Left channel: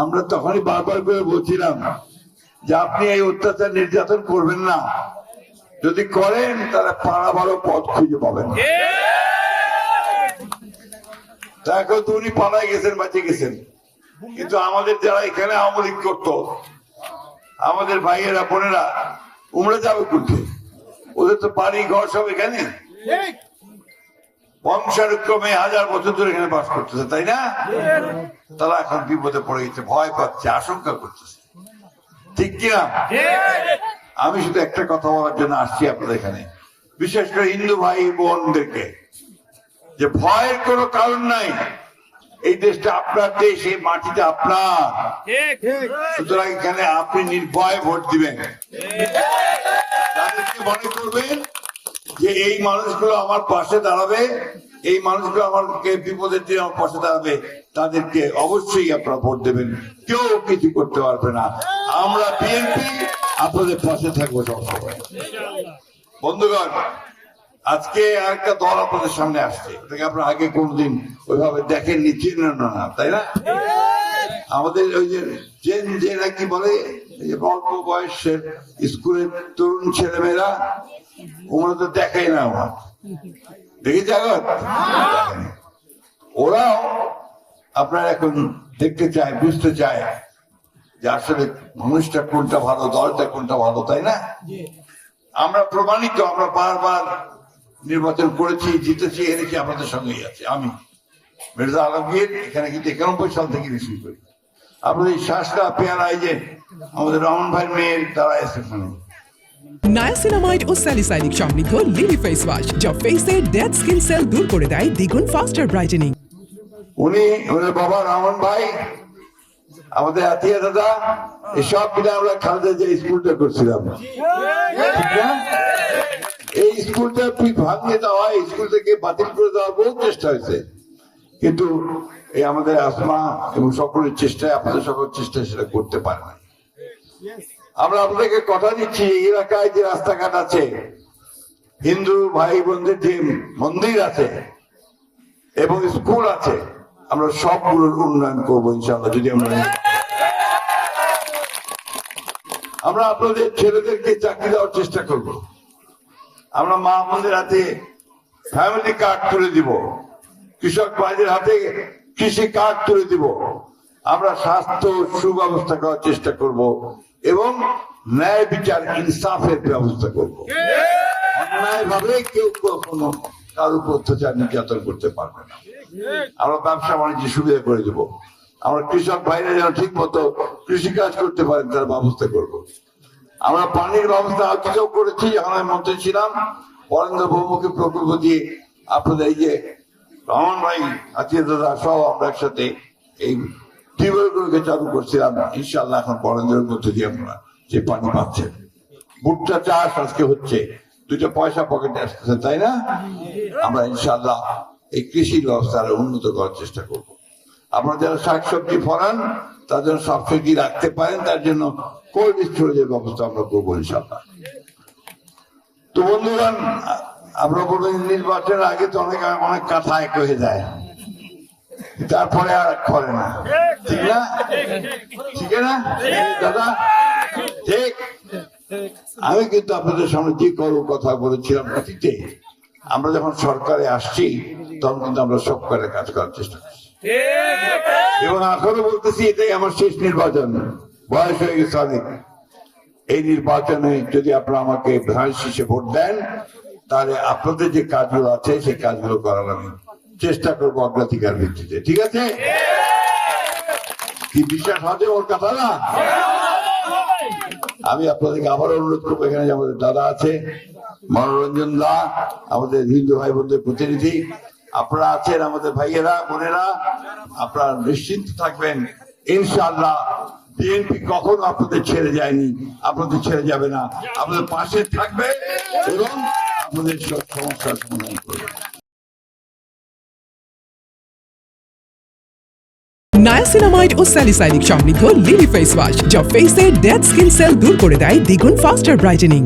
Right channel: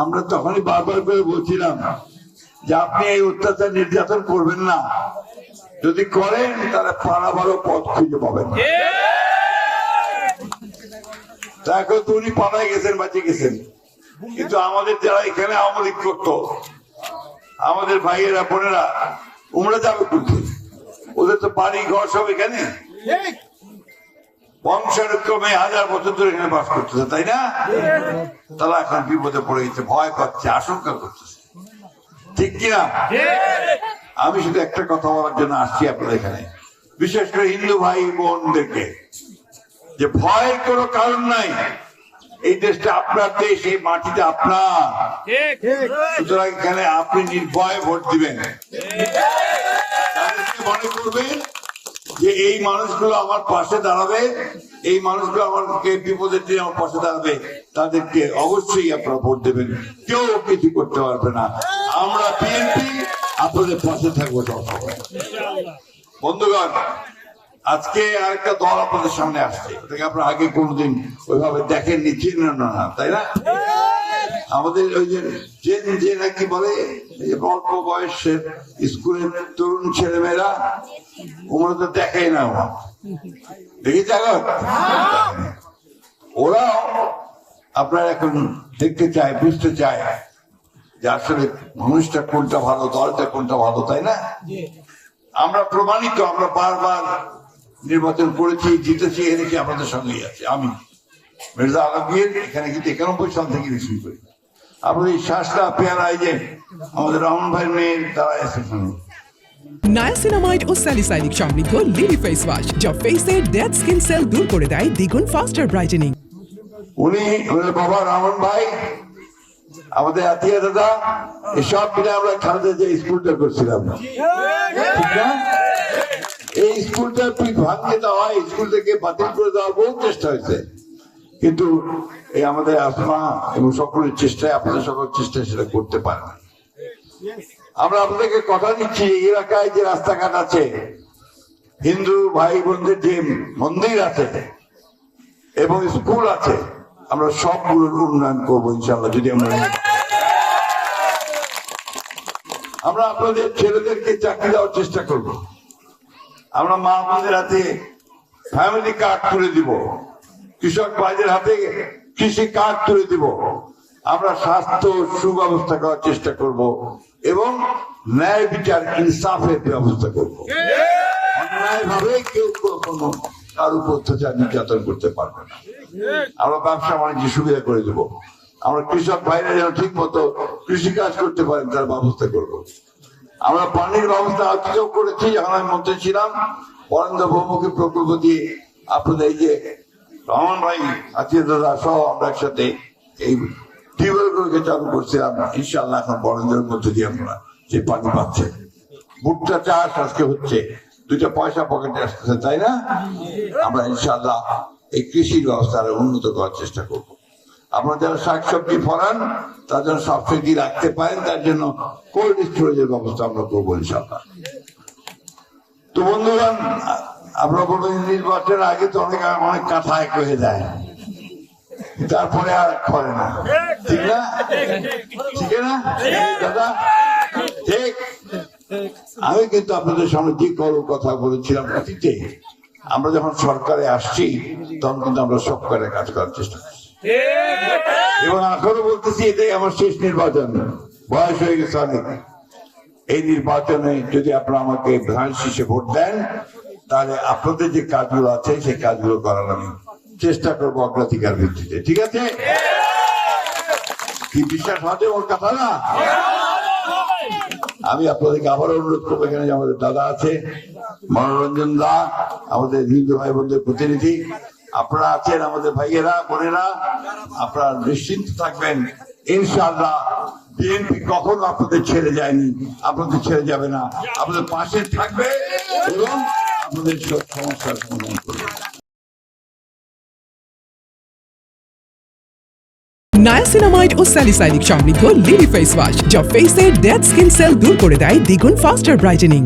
আমরা তখনই বারবার করে বলছিলাম যে আপনি এই অত্যাচার নির্যাতন করবেন না, যদি করেন তাহলে পাড়া ভালো পথ খুঁজে পাবেন। এখন তো উনি পাড়ায় গেছেন, বাঁচে গেছেন, কিন্তু আমাদের যারা এখানে আওয়ামী লীগ করতো, আমাদের ভাইয়েরা বোনেরা উমরা যাবে করতে, ওদের তো বাড়ি ঘর সব এখানে, বংশানুক্রমে 1000 বছর ধরে এখানে বাস করতেছে, তাই না? তারা এখন বিপদে পড়ে গেছে, ভয় পাচ্ছে, আশঙ্কা করতেছে, ঠিক কিনা? আমি শুধু একটা কথা বলার জন্য আসছি আপনাদের এখানে, বিশেষ করে হিন্দু ভাই বোনদেরকে, যে ভয়ের কোনো কারণ নাই। এই দেশটা আপনার দেশ, এই মাটিটা আপনার, সুতরাং এখানে আপনি নির্ভয়ে ভোট দিবেন। মনে করবেন যে এই মানুষগুলো আমার পাশে দাঁড়াবে, এই মানুষগুলো আমাকে বিপদের দিনে আমার পাশে দাঁড়াবে, তাদেরকে অবশ্যই আপনারা ভোট দেবেন। কেউ কিছু করতে পারবে না। আমরা বিএনপি আপনাদের পাশে থাকবো। বন্ধুগণ, আজকে আরেকটা দল আপনাদের সামনে আসছে, আপনারা আগে কোনদিন ওইভাবে দেখেননি, চিনেন না, তাই না? আমাদের ওই যে নাকি বলে অল্প বয়সের স্কুলের তরুণ ছেলেমেয়েরা, ওরা তো দেখাই না, ওরা দেখেছে ওরাও আপনারা এখন দেখতে চায়, বুঝতে চায় যে আসলে মানুষটা কোনটা ভালো, দলটা কোনটা ভালো, তাই না? আমরা প্রমাণিত, আমরা বারবার নির্বাচন করেছি, জিতেছি, এনেছি, আপনাদের সঙ্গেই আছে। আমি মির্জা আলমগীর এখানে কিন্তু 91 সাল থেকে রিসিভ করি। আপনাদের এই শ্বাসটা পেয়ারা, এই যে আমাদের রহমান ভাইয়ের মেয়ের দ্বারা আছে এখানে নায়াসিনামাইড ও স্যালিসাইলিক সমৃদ্ধ লিলি ফেস ওয়াশ, যা ফেসের ডেড স্কিন সেল দূর করে দেয় দ্বিগুণ ফাস্টার ব্রাইটেনিং। উনি আমাদের বাবা রহমান ভাই, আমাদের আতিয়া দাদা, এসব মিলে আমরা খালেদা যে স্কুলটা করছিলাম, এই স্কুলটা ভাঙিয়ে দেওয়া হয়, স্কুল থেকে বাতিল করে দেওয়ার বহু চেষ্টা হয়েছে, কিন্তু এই আমাদের আসমা এবং সকলের চেষ্টায়, আপনাদের সকলের চেষ্টায় সেটা করতে পারে না। আমরা আপনাদেরকে কথা দিচ্ছি, এই এলাকায় যে রাস্তাঘাট আছে, হিন্দু ভাই বোনদের যে মন্দির আছে এবং স্কুল আছে, আমরা সবগুলোর উন্নয়ন করবো ইনশাআল্লাহ। যদি আমরা আপনাদের ছেলেদেরকে চাকরি দেওয়ার চেষ্টা করব, আমরা মা বোনদের হাতে ফ্যামিলি কার্ড তুলে দিব, কৃষক ভাইদের হাতে কৃষি কার্ড তুলে দিব, আমরা স্বাস্থ্য সুব্যবস্থা করার চেষ্টা করব এবং ন্যায় বিচার ইনসাফের ব্যবস্থা করব। ন্যায়ভাবে কেউ কখনো কার উপর অত্যাচার নির্যাতন করতে পারবে না। আমরা ব্যবসা বাণিজ্য সুবিধা করে দেব, আমরা কৃষক ভাইরা যেন ঠিক মতো কৃষিকাজ করতে পারেন তার ব্যবস্থা করব। আমরা পানির ব্যবস্থা আজকেও করেছি, যখন আমি মন্ত্রী ছিলাম, বরেন্দ্র বহুমুখী প্রকল্প দিয়ে আপনাদের এই যে রহমান ভাই, আতিয়া দাদা সহ আমরা একসাথে এই টিউবওয়েলগুলোকে চালু করছিলাম। ইনশাআল্লাহ এখন বরেন্দ্রের মধ্যে দিয়ে আমরা যে পানি পাচ্ছে, ভুট্টা চাষ আজকে হচ্ছে, 2টা পয়সা পকেটে আসতেছে, তাই না? আমরা ইনশাআল্লাহ এই কৃষির ব্যবস্থা উন্নত করার চেষ্টা করব। আপনারা যারা শাকসবজি ফলান তার জন্য সাবসিডি রাখতে পারেন, তার জন্য কোল্ড স্টোরেজের ব্যবস্থা আমরা করবো ইনশাআল্লাহ। তো বন্ধুগণ, আমরা নির্বাচনের আগে তো অনেক কথা এক হয়ে যায়, তারপরে আর করে না, ঠিক না? ঠিক না দাদা? ঠিক। আমি কিন্তু আপনাদের সামনে যে কথা বলেছিলাম অতীতে, আমরা যখন সরকারে আসছি তখন কিন্তু আমরা সরকারের কাজ করার চেষ্টা করছি, এবং এখনো বলতেছি এটাই আমার শেষ নির্বাচন, বয়স হয়ে গেছে অনেক। এই নির্বাচনে যদি আপনারা আমাকে ভাইস হিসেবে ভোট দেন, তাহলে আপনাদের যে কাজগুলো আছে সেই কাজগুলো করার আমি চেষ্টা করবো অগ্রাধিকার ভিত্তিতে, ঠিক আছে? কি বিশ্বাস হবে ওর কথা না? আমি আপনাদেরকে আবার অনুরোধ করবো, এখানে আমাদের দাদা আছে, মনোরঞ্জন দা, আমাদের হিন্দু ভাই বোনদের প্রতিনিধি, আপনারা আছেন, আমাদের ভাইয়েরা বোনেরা, আপনারা নিশ্চিন্ত থাকবেন, ইনশাআল্লাহ বিএনপি কখনো আপনাদের ছেড়ে যায়নি, আপনাদের ছেড়ে যাবে না, আপনাদের পাশে থাকবে এবং আপনাদের সব সমস্যার সমাধান করবে। নায়াসিনামাইড ও স্যালিসাইলিক সমৃদ্ধ লিলি ফেস ওয়াশ, যা ফেসের ডেড স্কিন সেল দূর করে দেয় দ্বিগুণ ফাস্টার ব্রাইটেনিং।